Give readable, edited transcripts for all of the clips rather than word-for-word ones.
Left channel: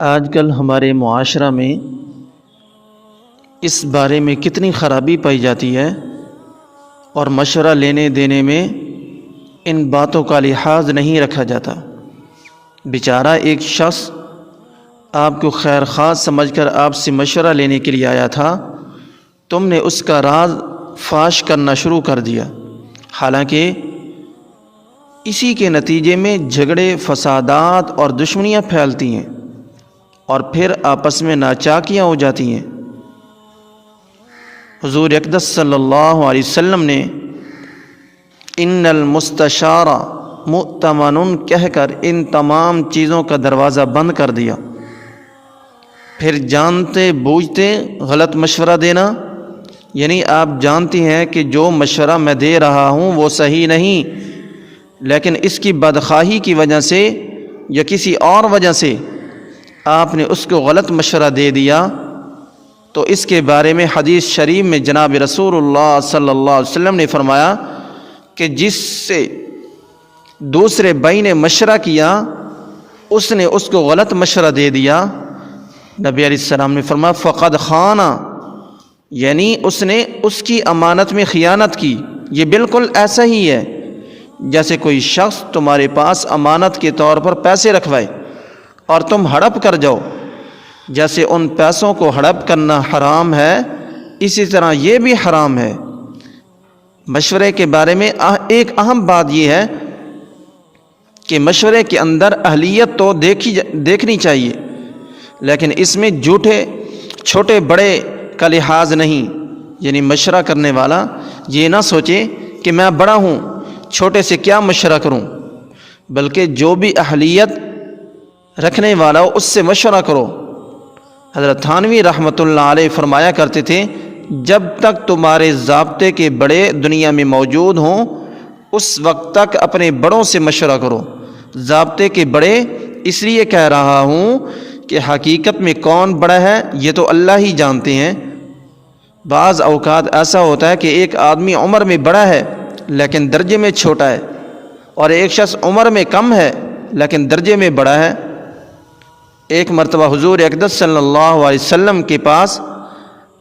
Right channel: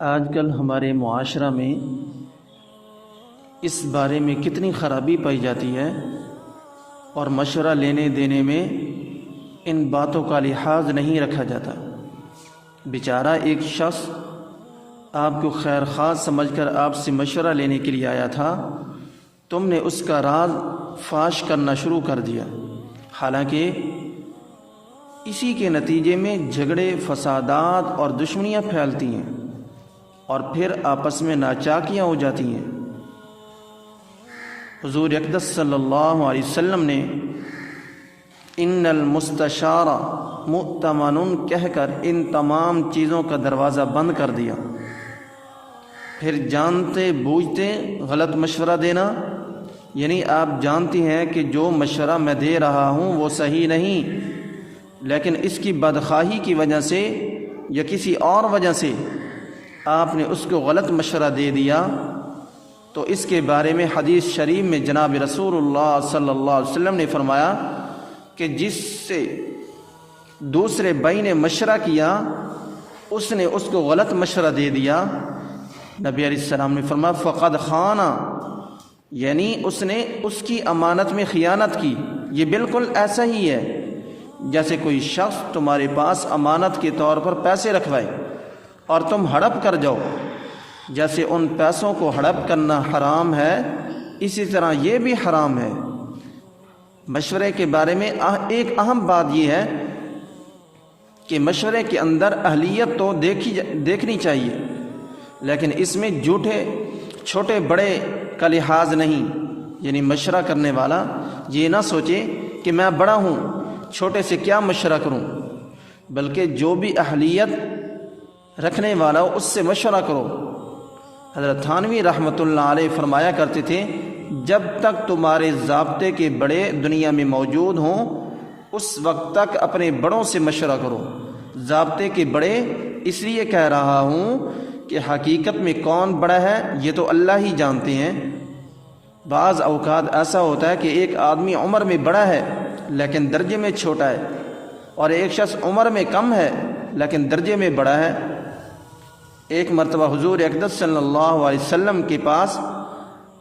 آج کل ہمارے معاشرہ میں اس بارے میں کتنی خرابی پائی جاتی ہے اور مشورہ لینے دینے میں ان باتوں کا لحاظ نہیں رکھا جاتا۔ بیچارہ ایک شخص آپ کو خیر خواہ سمجھ کر آپ سے مشورہ لینے کے لیے آیا تھا، تم نے اس کا راز فاش کرنا شروع کر دیا، حالانکہ اسی کے نتیجے میں جھگڑے، فسادات اور دشمنیاں پھیلتی ہیں اور پھر آپس میں ناچاکیاں ہو جاتی ہیں۔ حضور اقدس صلی اللہ علیہ وسلم نے ان المستشار مؤتمن کہہ کر ان تمام چیزوں کا دروازہ بند کر دیا۔ پھر جانتے بوجھتے غلط مشورہ دینا، یعنی آپ جانتی ہیں کہ جو مشورہ میں دے رہا ہوں وہ صحیح نہیں، لیکن اس کی بدخواہی کی وجہ سے یا کسی اور وجہ سے آپ نے اس کو غلط مشورہ دے دیا، تو اس کے بارے میں حدیث شریف میں جناب رسول اللہ صلی اللہ علیہ وسلم نے فرمایا کہ جس سے دوسرے بھائی نے مشورہ کیا اس نے اس کو غلط مشورہ دے دیا، نبی علیہ السلام نے فرمایا فقد خانہ، یعنی اس نے اس کی امانت میں خیانت کی۔ یہ بالکل ایسا ہی ہے جیسے کوئی شخص تمہارے پاس امانت کے طور پر پیسے رکھوائے اور تم ہڑپ کر جاؤ۔ جیسے ان پیسوں کو ہڑپ کرنا حرام ہے، اسی طرح یہ بھی حرام ہے۔ مشورے کے بارے میں ایک اہم بات یہ ہے کہ مشورے کے اندر اہلیت تو دیکھنی چاہیے، لیکن اس میں جھوٹے چھوٹے بڑے کا لحاظ نہیں، یعنی مشورہ کرنے والا یہ نہ سوچے کہ میں بڑا ہوں، چھوٹے سے کیا مشورہ کروں، بلکہ جو بھی اہلیت رکھنے والا ہو اس سے مشورہ کرو۔ حضرت تھانوی رحمۃ اللہ علیہ فرمایا کرتے تھے جب تک تمہارے ضابطے کے بڑے دنیا میں موجود ہوں اس وقت تک اپنے بڑوں سے مشورہ کرو۔ ضابطے کے بڑے اس لیے کہہ رہا ہوں کہ حقیقت میں کون بڑا ہے یہ تو اللہ ہی جانتے ہیں۔ بعض اوقات ایسا ہوتا ہے کہ ایک آدمی عمر میں بڑا ہے لیکن درجے میں چھوٹا ہے، اور ایک شخص عمر میں کم ہے لیکن درجے میں بڑا ہے۔ ایک مرتبہ حضور اقدس صلی اللہ علیہ وسلم کے پاس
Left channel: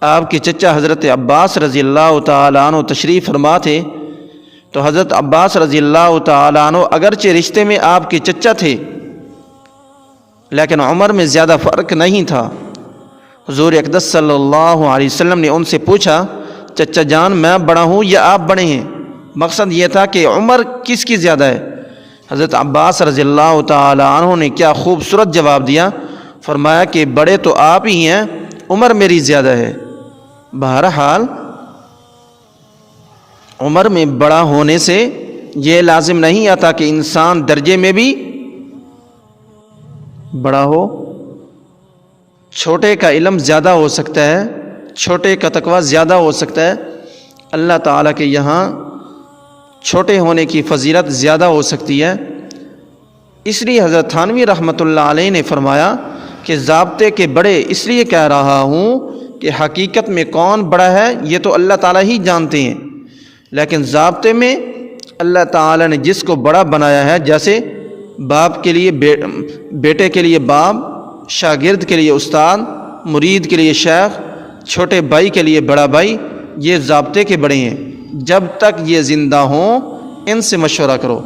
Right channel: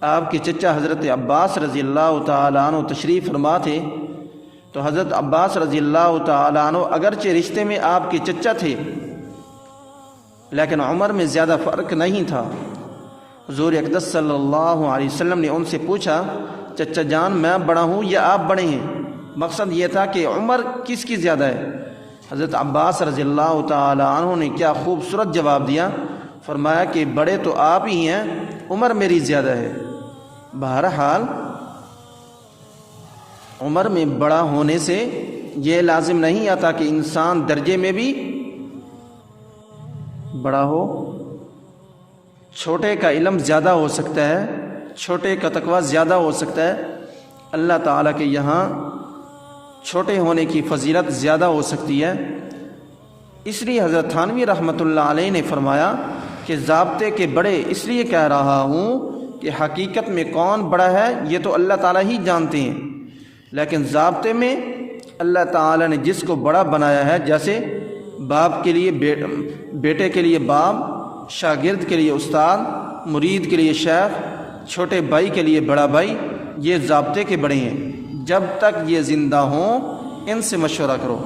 آپ کے چچا حضرت عباس رضی اللہ تعالیٰ عنہ تشریف فرما تھے، تو حضرت عباس رضی اللہ تعالیٰ عنہ اگرچہ رشتے میں آپ کے چچا تھے لیکن عمر میں زیادہ فرق نہیں تھا۔ حضور اقدس صلی اللہ علیہ وسلم نے ان سے پوچھا چچا جان میں بڑا ہوں یا آپ بڑے ہیں؟ مقصد یہ تھا کہ عمر کس کی زیادہ ہے؟ حضرت عباس رضی اللہ تعالی عنہ نے کیا خوبصورت جواب دیا، فرمایا کہ بڑے تو آپ ہی ہیں، عمر میری زیادہ ہے۔ بہرحال عمر میں بڑا ہونے سے یہ لازم نہیں آتا کہ انسان درجے میں بھی بڑا ہو۔ چھوٹے کا علم زیادہ ہو سکتا ہے، چھوٹے کا تقوی زیادہ ہو سکتا ہے، اللہ تعالیٰ کے یہاں چھوٹے ہونے کی فضیلت زیادہ ہو سکتی ہے۔ اس لیے حضرت تھانوی رحمۃ اللہ علیہ نے فرمایا کہ ضابطے کے بڑے اس لیے کہہ رہا ہوں کہ حقیقت میں کون بڑا ہے یہ تو اللہ تعالیٰ ہی جانتے ہیں، لیکن ضابطے میں اللہ تعالیٰ نے جس کو بڑا بنایا ہے، جیسے باپ کے لیے بیٹے کے لیے باپ، شاگرد کے لیے استاد، مرید کے لیے شیخ، چھوٹے بھائی کے لیے بڑا بھائی، یہ ضابطے کے بڑے ہیں۔ جب تک یہ زندہ ہوں ان سے مشورہ کرو۔